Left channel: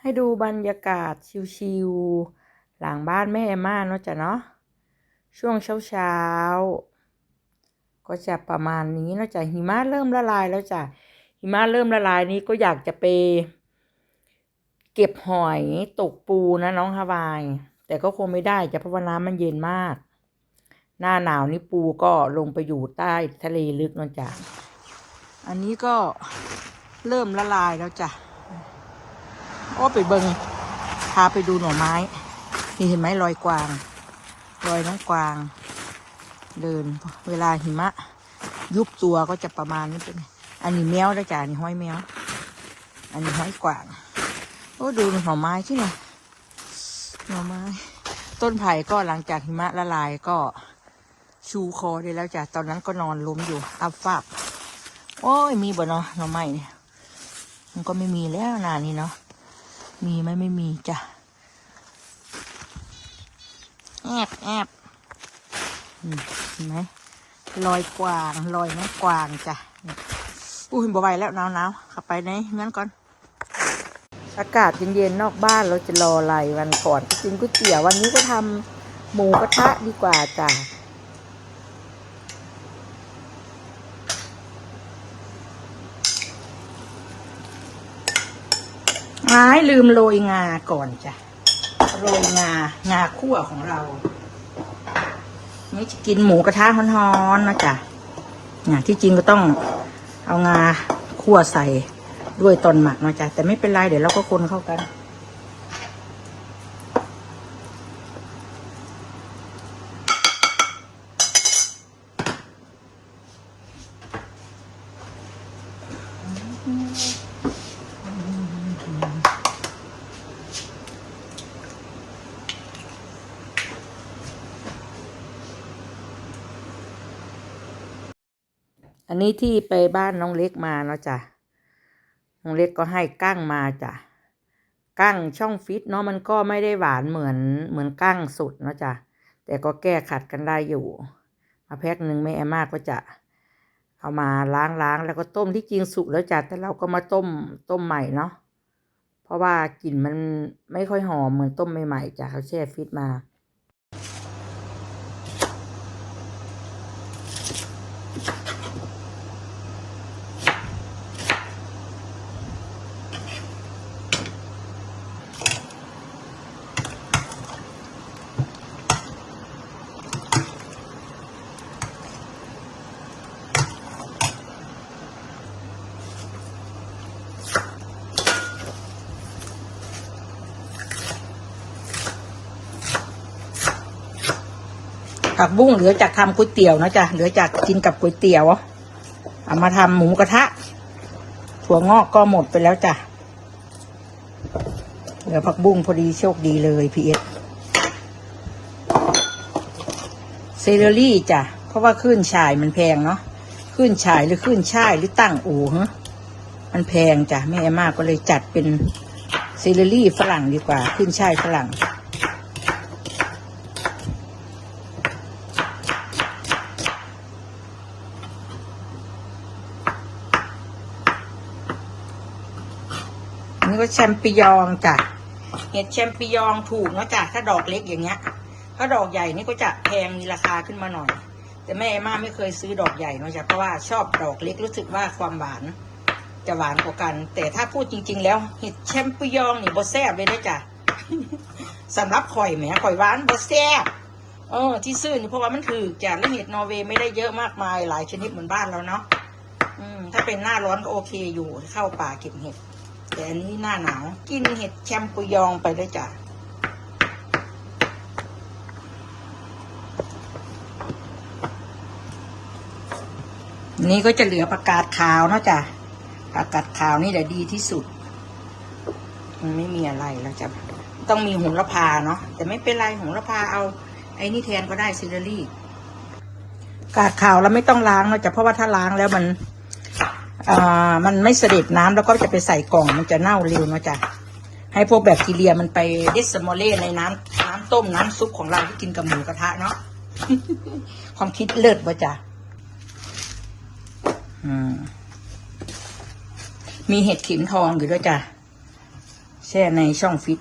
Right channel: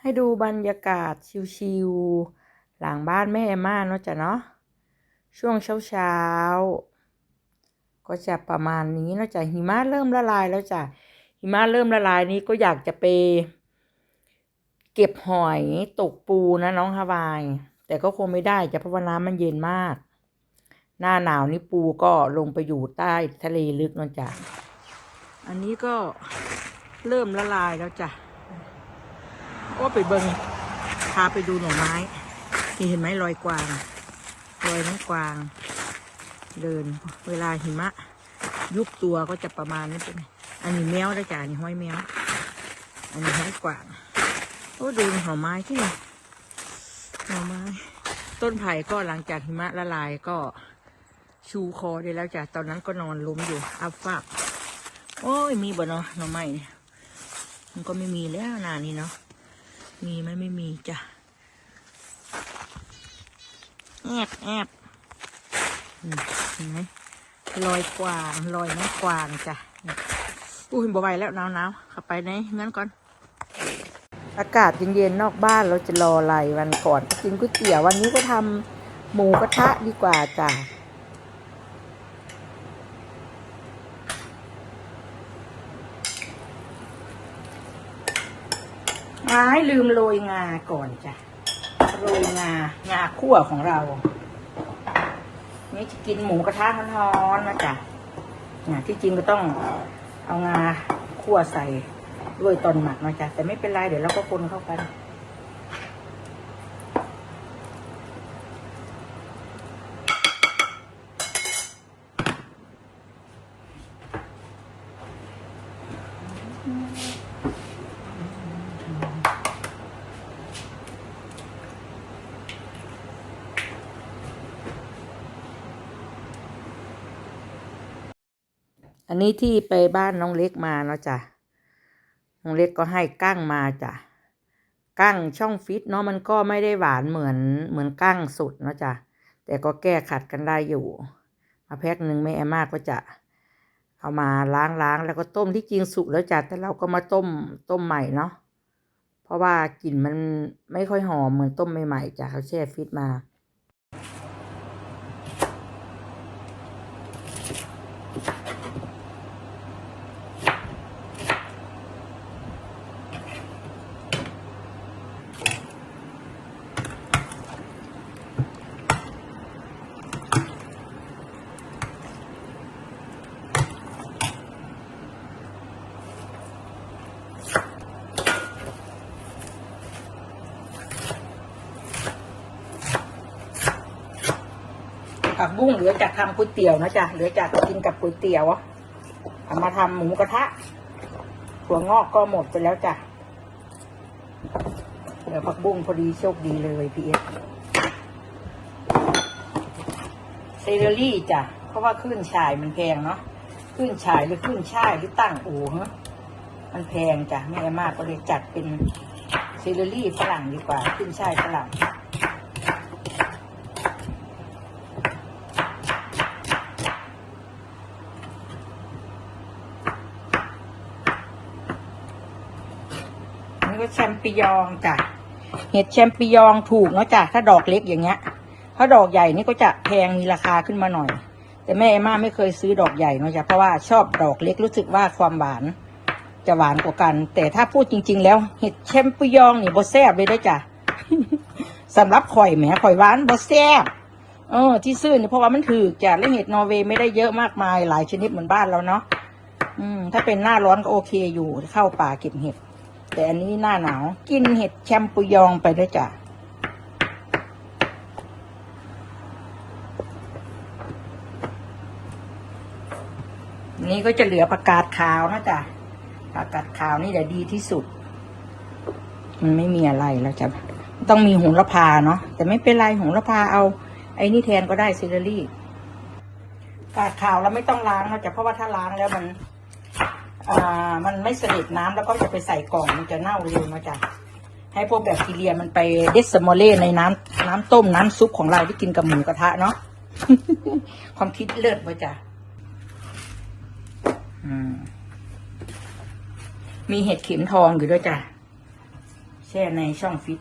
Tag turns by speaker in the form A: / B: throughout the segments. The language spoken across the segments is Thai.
A: ให้ดูบรรยากาศชิวๆหลังบ้านแม่เอม่าเนาะจ้ะเนาะช่วงเช้าๆก็จะประมาณนี้เนาะจ้ะหิมะเริ่มละลายแล้วจ้ะหิมะเริ่มละลายนี้ก็อยากจะไปเก็บหอยตกปูนะน้องฮาวาย แต่ก็คงไม่ได้จะเพราะว่าน้ำมันเย็นมาก หน้าหนาวนี่ปูก็ลงไปอยู่ใต้ทะเลลึกเนาะจ้ะอันนี้ก็เริ่มละลายแล้วจ้ะ โอ้ไปเบิงพาไปดูหน่อไม้ นี่เห็นไหมรอยกวาง รอยไม้กวาง เดิน เวลาหิมะ ยุบตัวก็จะประมาณนี้เป็น อันนี้แมวแล้จ้ะนนี้ห้อยแมว อันนี้ห้อยกวาง โอ้ดูหน่อไม้ที่นี่หน่อไม้ ต้นไผ่ก็หลังจากหิมะละลายก็ชูคอได้แล้วจ้ะ ตอนนั้นก็นอนล้มอยู่อับฟาก โอ้ยมีบ่เนาะหน่อไม้ มันก็ไม่มีแล้วนานนี้เนาะ มีไหมไม่มีจ้ะแอบแอบเห็นไหมลอยกวางลอยไม้กวางจ้ะอุ้ยบ่ไหวแล้วหนาวหนาวข้าไปในนั้นก่อน อากาศเย็นๆนอกบ้านเราจะรออะไรวันก่อนก็กินก๋วยเตี๋ยววันนี้ก็ทำหมูกระทะดีกว่าจ้ะ ไม้ลืมโรยงาก่อนจ้ะโรยงางาคั่วของเรานี่จะกินหมูกระทะฮ้อนๆนะจ๊ะเนี่ยที่จริงก็ต้องเอางาคั่วใส่ด้วยตอนหมักนะจ๊ะแต่ไม่เป็นไรเดี๋ยวเราก็คนเข้ากัน อันนี้ที่ไปบ้านน้องเล็กมาเนาะจ้ะ น้องเล็กก็ให้กั้งมาจ้ะ กั้งช่องฟิตเนาะมันก็ไม่ได้หวานเหมือนเหมือนกั้งสุดเนาะจ้ะ แต่ก็แก้ขัดกันได้อยู่ มาแพ็คหนึ่งแม่แอมมาก็จะเอามาล้างล้างแล้วก็ต้มที่จริงสุกแล้วจ้ะ แต่เราก็มาต้มต้มใหม่เนาะ เพราะว่ากลิ่นมันไม่ค่อยหอมเหมือนต้มใหม่ๆจ้ะเขาแช่ฟิตมา ผักบุ้งเหลือจากทำก๋วยเตี๋ยวนะจ๊ะเหลือจากกินกับก๋วยเตี๋ยวเอามาทำหมูกระทะถั่วงอกก็หมดไปแล้วจ้ะเหลือผักบุ้งพอดีโชคดีเลยพี่เอสเซเลอรี่จ้ะเพราะว่าขึ้นฉายมันแพงเนาะขึ้นฉายหรือขึ้นช่ายหรือตั้งอู่ฮะมันแพงจ้ะแม่มากก็เลยจัดเป็นเซเลอรี่ฝรั่งดีกว่า ขึ้นช่ายฝรั่ง อันนี้ก็แชมปิญองจ้ะเห็ดแชมปิญองถูกแล้วจ้ะถ้าดอกเล็กอย่างเงี้ย ถ้าดอกใหญ่นี่ก็จะแพงมีราคาขึ้นมาหน่อย แต่แม่เอมม่าไม่เคยซื้อดอกใหญ่นะจ๊ะเพราะว่าชอบดอกเล็กรู้สึกว่าความหวานจะหวานกว่ากัน แต่ถ้าพูดจริง ๆ แล้วเห็ดแชมปิญองนี่บ่แซ่บเลยนะจ้ะสำหรับข่อยแหมข่อยร้านบ่แซ่บเออที่ซื้อเนี่ยเพราะว่ามันถือจ้ะแล้วเห็ดนอร์เวย์ไม่ได้เยอะมากมายหลายชนิดเหมือนบ้านเราเนาะอืม ถ้าเป็นหน้าร้อนก็โอเคอยู่เข้าป่าเก็บเห็ด แต่อันนี้หน้าหนาวกินเห็ดแชมปุยองไปด้วยจ้ะนี่ก็จะเหลือประกาศขาวนะจ้ะประกาศขาวนี่แหละดีที่สุด มันไม่มีอะไรแล้วจ้ะต้องมีหงระพาเนาะแต่ไม่เป็นไรหงระพาเอา ไอ้นี่แทนก็ได้ซิลเลอรี่กาดขาวแล้วไม่ต้องล้างนะจ้ะเพราะว่าถ้าล้างแล้วมัน อ่ามันไม่เสด็จน้ำแล้วก็จะไปใส่กล่องมันจะเน่าเร็วนะจ๊ะให้พวกแบคทีเรียมันไปเดสโมเลในน้ำน้ำต้มน้ำซุปของเราที่กินกับหมูกระทะเนาะความคิดเลิศวะจ๊ะมีเห็ดเข็มทองอยู่ด้วยจ้ะแช่ในช่องฟิต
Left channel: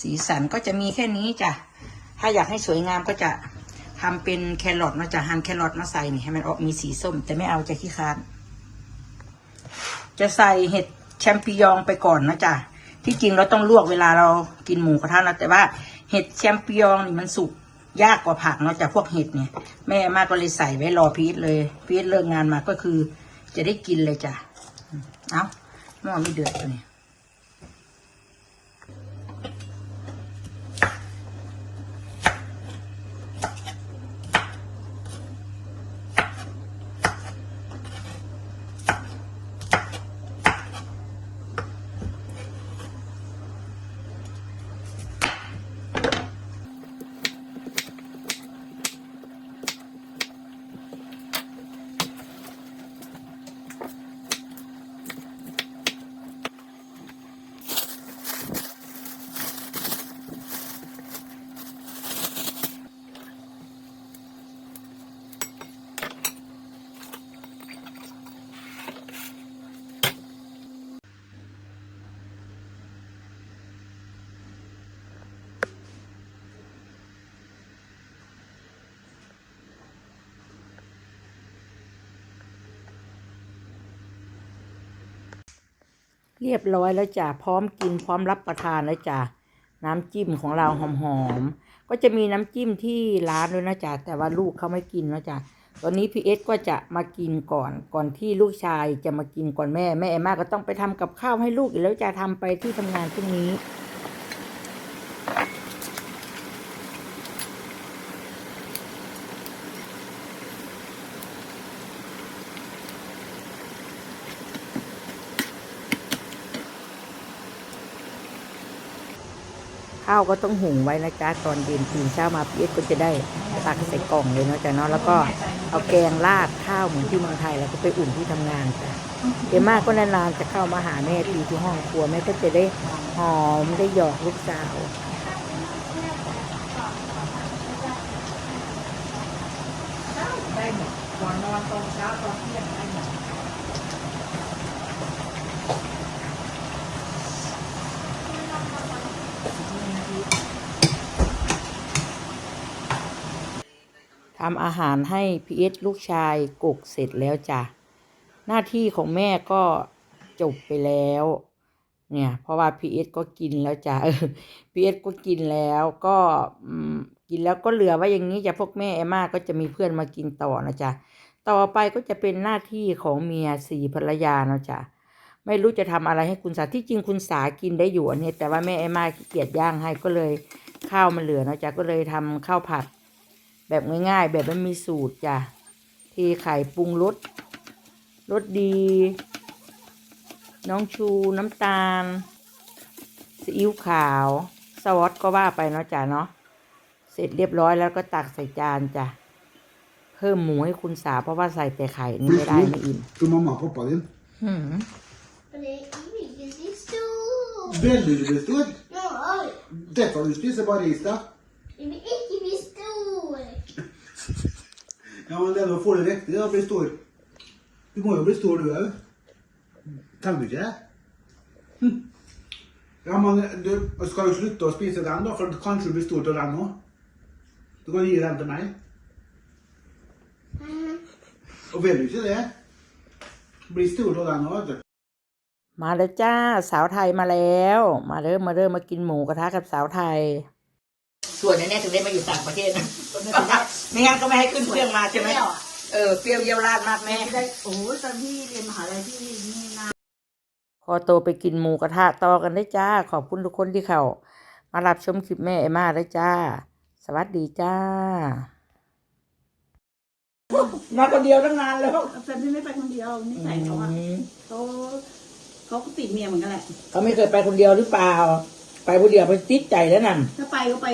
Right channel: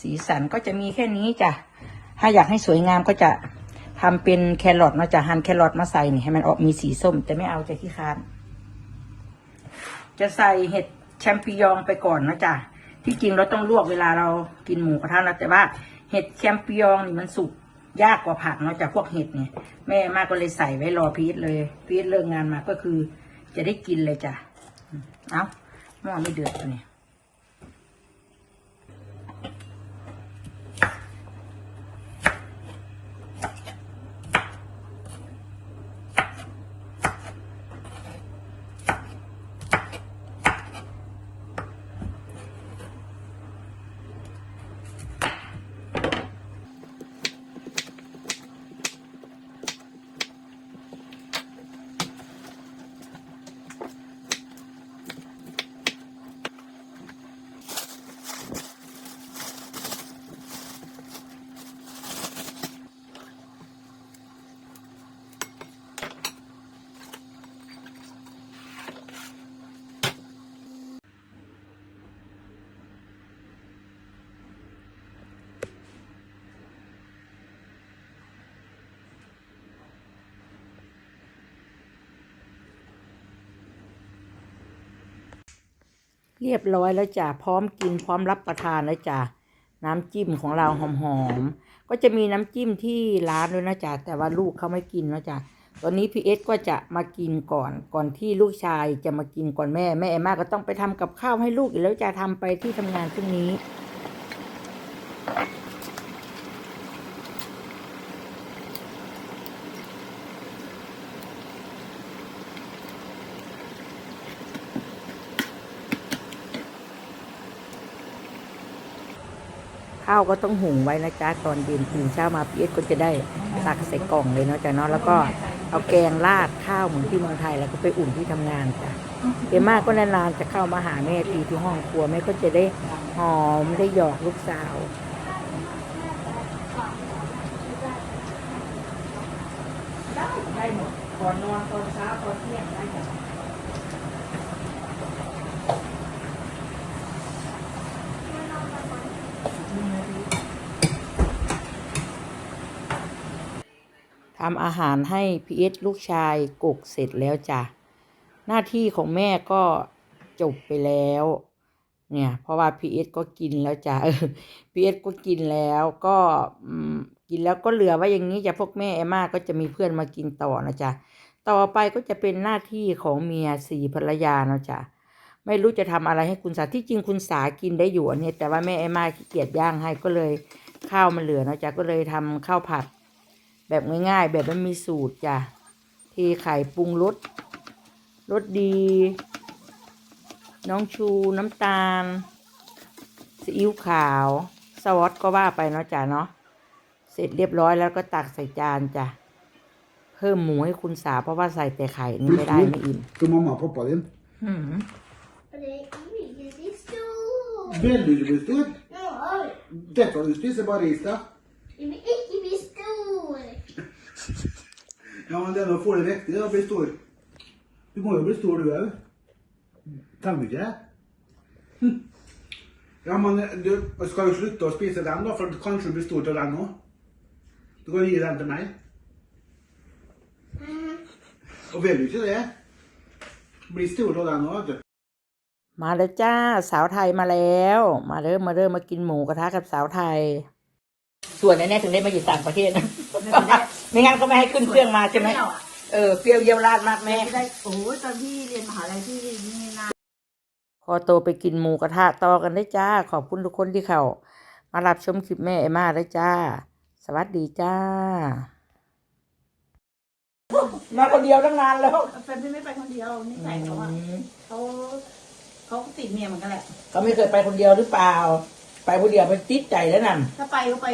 A: สีสันก็จะมีแค่นี้จ้ะ ถ้าอยากให้สวยงามก็จะ ทำเป็นแครอทเนาะจะหั่นแครอทมาใส่นี่ให้มันออกมีสีส้ม แต่ไม่เอาจะขี้ค้าน จะใส่เห็ดแชมปิญองไปก่อนนะจ๊ะที่จริงเราต้องลวกเวลาเรากินหมูกระทะนะแต่ว่าเห็ดแชมปิญองนี่มันสุกยากกว่าผักเนาะจากพวกเห็ดเนี่ยแม่มากก็เลยใส่ไว้รอพีทเลยพีทเลิกงานมาก็คือ จะได้กินเลยจ้ะเอาหม้อไม่เดือดตัวนี้ เรียบร้อยแล้วจ้ะพร้อมกินพร้อมรับประทานแล้วจ้ะน้ำจิ้มของเราหอมๆก็จะมีน้ำจิ้มที่ร้านด้วยนะจ๊ะแต่ว่าลูกเขาไม่กินนะจ๊ะตอนนี้พีเอสก็จะมากินก่อนก่อนที่ลูกชายจะมากินก่อนแม่แม่เอมมาก็ต้องไปทำกับข้าวให้ลูกอีกแล้วจะทำไปที่ทำงานพรุ่งนี้ ข้าวก็ต้องหุงไว้นะจ๊ะตอนเย็นตื่นเช้ามาพีเอสก็จะได้ตักใส่กล่องเลยเนาะจ๊ะเนาะแล้วก็เอาแกงราดข้าวเหมือนที่เมืองไทยแล้วก็ไปอุ่นที่ทำงานจ้ะเอมมาก็นานๆจะเข้ามาหาแม่ทีที่ห้องครัวแม่ก็จะได้หอมได้หยอกลูกสาวได้หมดก่อนนอนตอนเช้าตอนเที่ยงได้หมด ทำอาหารให้พีเอสลูกชายกุกเสร็จแล้วจ้ะ หน้าที่ของแม่ก็จบไปแล้ว เนี่ย เพราะว่าพีเอสก็กินแล้วจ้ะพีเอสก็กินแล้วก็กินแล้วก็เหลือไว้อย่างนี้จะพวกแม่เอมมาก็จะมีเพื่อนมากินต่อนะจ๊ะต่อไปก็จะเป็นหน้าที่ของเมียสี่ภรรยาเนาะจ้ะไม่รู้จะทำอะไรให้คุณสาที่จริงคุณสากินได้อยู่อันนี้แต่ว่าแม่เอมมาขี้เกียจย่างให้ก็เลยข้าวมันเหลือนะจ้ะก็เลยทำข้าวผัด แบบง่ายๆ แบบไม่มีสูตรจ้ะเทไข่ปรุงรสรสดี น้องชูน้ำตาลซีอิ๊วขาวซอสก็ว่าไปเนาะจ้ะเนาะเสร็จเรียบร้อยแล้วก็ตักใส่จานจ้ะเพิ่มหมูให้คุณสาเพราะว่าใส่แต่ไข่นี่ไม่ได้ไม่อิ่ม
B: Ska mamma och pappa din?
A: หืม
C: Men det är mycket stor.
B: Väldigt det stor.
C: Ja,
B: Det kan du spise bare is, da.
C: det blir inte bli stor.
B: Ja, men det er å få det riktig, da blir stor. Du må jo bli stor, du òg. Trenger du ikke det? Hm. Ja, men du skal jo slutte å spise dem, da, for kanskje du blir stor til dem òg. Du kan gi dem til meg.
C: Mm.
B: Og vil du ikke det? Bli stor til dem òg, vet du.
A: มาแล้วจ้า สาวไทยมาแล้ว มาเริ่มมาเริ่มมากินหมูกระทะกับสาวไทย ส่วนอันเนี้ยถึงได้มาอยู่ต่างประเทศนะไม่งั้นก็ไม่ให้ขึ้นเครื่องมาใช่ไหมเออเปรี้ยวเยี่ยวราดมากแม่
D: โอ้โหตอนที่เรียนมหาลัยที่นี่นะ
A: พอโตไปกินหมูกระทะต่อกันได้จ้า ขอบคุณทุกคนที่เขามารับชมคลิปแม่เอมมาได้จ้า สวัสดีจ้ามาคนเดียวตั้งนานแล้ว
D: แฟนพี่ไม่ไปคนเดียวไม่ใส่เขาอะเขาเขาก็ติดเมียเหมือนกันแหละ
A: เขาไม่เคยไปคนเดียวหรือเปล่า ไปคนเดียวไปติดใจแล้วนั่น
D: ถ้าไปก็ไป